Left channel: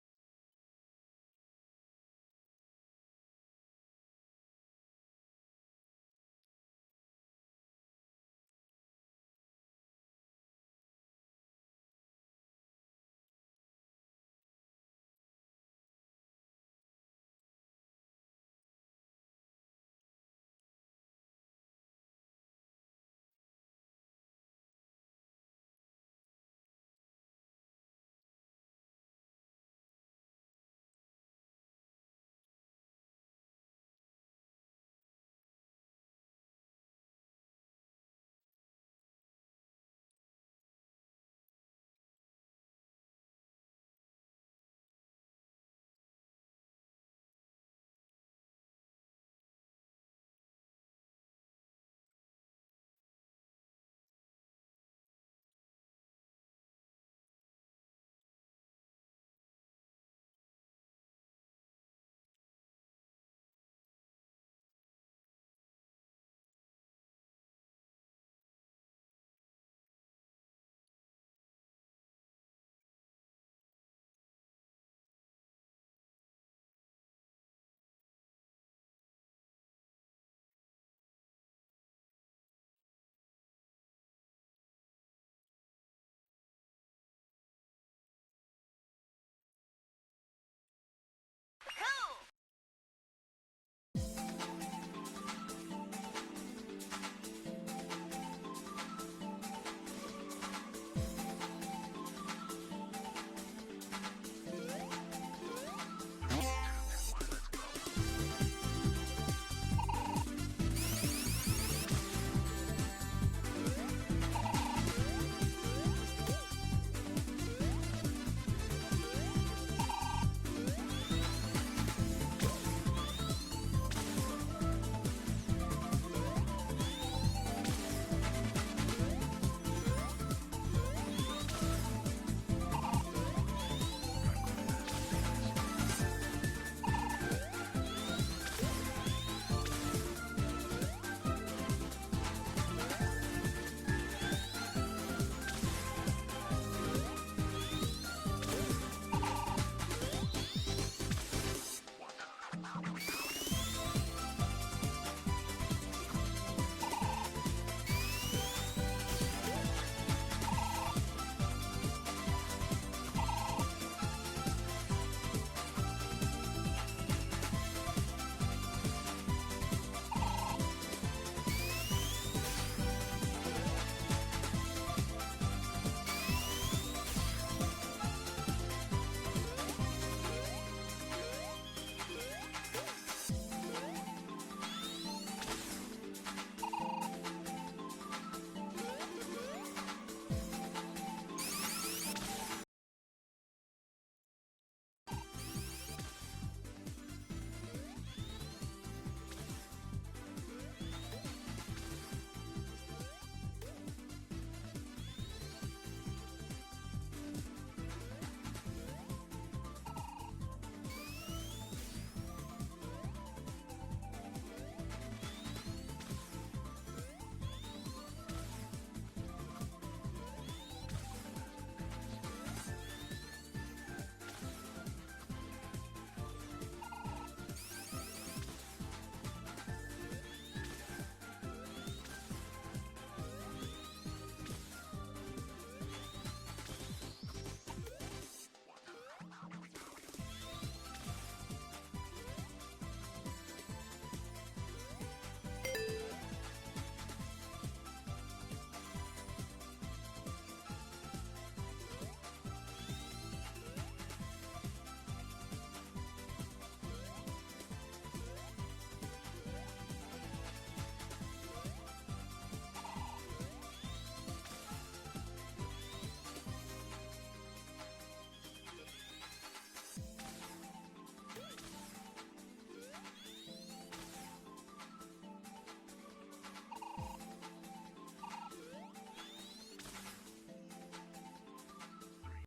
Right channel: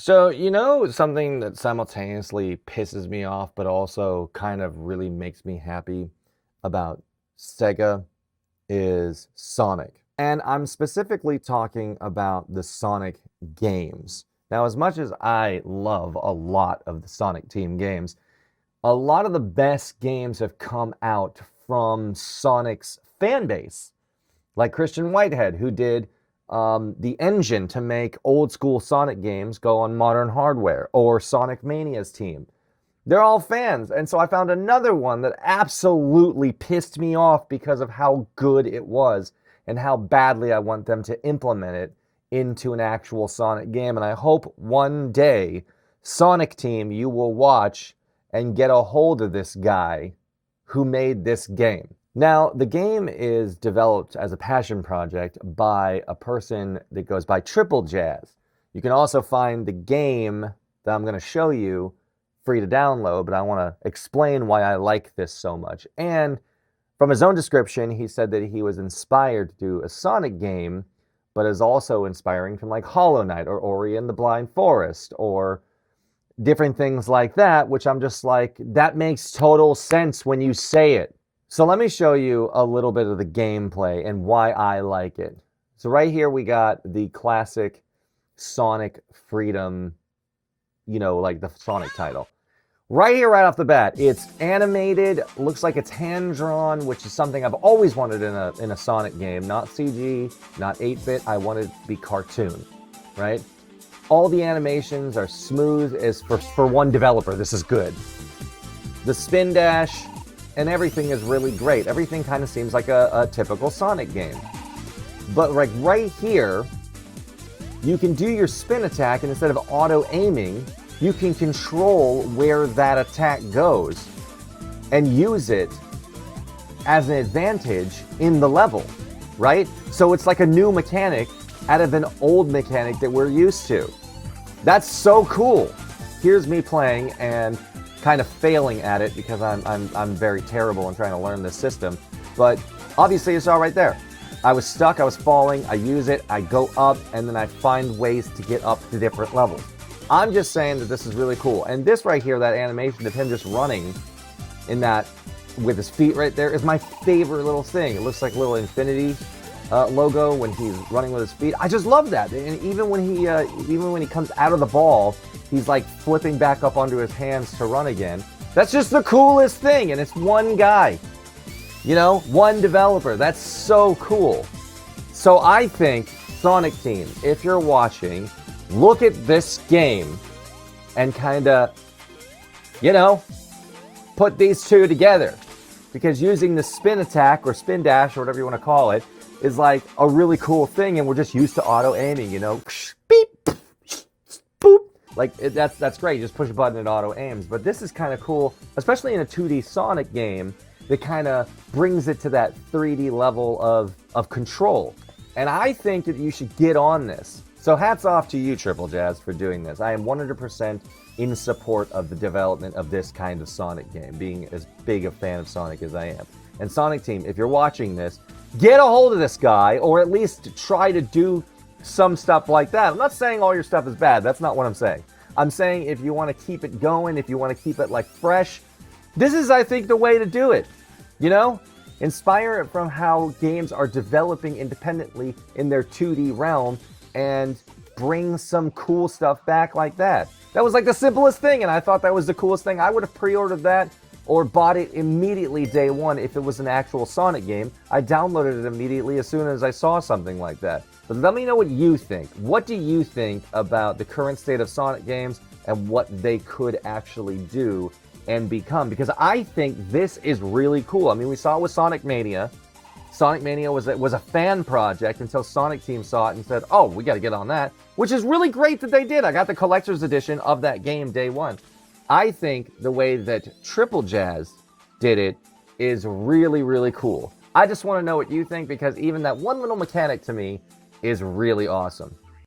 So, something that simultaneously pisses me off, but also kind of really makes me happy about Sega is Sonic. And I'm specifically talking about the Sonic games. Now, as much as I love a lot of the Sonic Team games, a lot of the best games have come out from Sonic's fan base, like Christian Whitehead, who did the engine to make old school Sonic games go on modern hardware, or Sonic Mania's team. They're all fans. And so I found another one that absolutely pissed me off because of how good it was and how badly I want them to implement it into an actual Sonic game. And I hope one day, Sonic Team, you will watch and get a hold of this guy who made this game. Now, the game is developed as a passion project by a person that goes by Triple Jazz. You can also find the game that I'm going to show you free to download, but I want to explain why I like this so much. And from his own description, he said that he was inspired to do a Sonic game, but is also inspiring from like Hollow Knight or Ori and the Blind Forest or different things like that, which I'm just like, that makes total sense when you say it. So let me show you a little bit of the gameplay and why I like it. So right here we got the classic Sonic Freedom, like the Sonic title. Right here, right off the bat, it's animated, looks like it's hand-drawn, which is something I've always wanted in a Sonic game. Not CG, not 8-bit, I wanted it to be cartoon, right? All the animations are smooth as for one developer, this is good. The spin dash and everything is really great. Everything kind of seems like a typical Sonic game. But like right here, you can do your spin attack, and instead of auto-aiming, you can control where that attack goes and use it as an advantage in the level, right? So it's like a new mechanic out of an old mechanic that we're used to. That's so cool. Here's me playing and kind of failing at it because I'm very terrible in trying to learn this system. But obviously it's all right there. I was stuck, I was falling, I use it, I go up, and then I find ways to get up to different levels. I'm just saying that this is really cool. And this right here, that animation of him just running in that with his feet right there is my favorite little thing. It looks like a little Infinity logo when he's running with his feet. I just love that. And even when he comes out of the ball, he's like flipping back up onto his hands to run again. That's just the coolest thing. And it's one guy, one developer. That's so cool. So I think Sonic Team, if you're watching, look at this game and kind of, put these two together. Because using the spin attack or spin dash or whatever you want to call it is like a really cool thing, and we're just used to auto-aiming, beep, boop. Like, that's great, just push a button and auto-aims. But this is kind of cool, especially in a 2D Sonic game that kind of brings it to that 3D level of control. And I think that you should get on this. So hats off to you, Triple Jazz, for doing this. I am 100% in support of the development of this kind of Sonic game, being as big a fan of Sonic as I am. And Sonic Team, if you're watching this, get a hold of this guy, or at least try to do some stuff like that. I'm not saying all your stuff is bad. That's not what I'm saying. I'm saying if you want to keep it going, if you want to keep it like fresh, this is, I think, the way to do it. Inspire it from how games are developing independently in their 2D realm, and bring some cool stuff back like that. That was like the simplest thing, and I thought that was the coolest thing. I would have pre-ordered that or bought it immediately day one if it was an actual Sonic game. I downloaded it immediately as soon as I saw something like that. But let me know what you think. What do you think about the current state of Sonic games and what they could actually do and become? Because I think this is really cool. I mean, we saw it with Sonic Mania. Sonic Mania was a fan project until Sonic Team saw it and said, oh, we got to get on that, which is really great that they did. I got the collector's edition of that game day one. I think the way that Triple Jazz did it is really, really cool. I just want to know what you think, because even that one little mechanic to me is really awesome.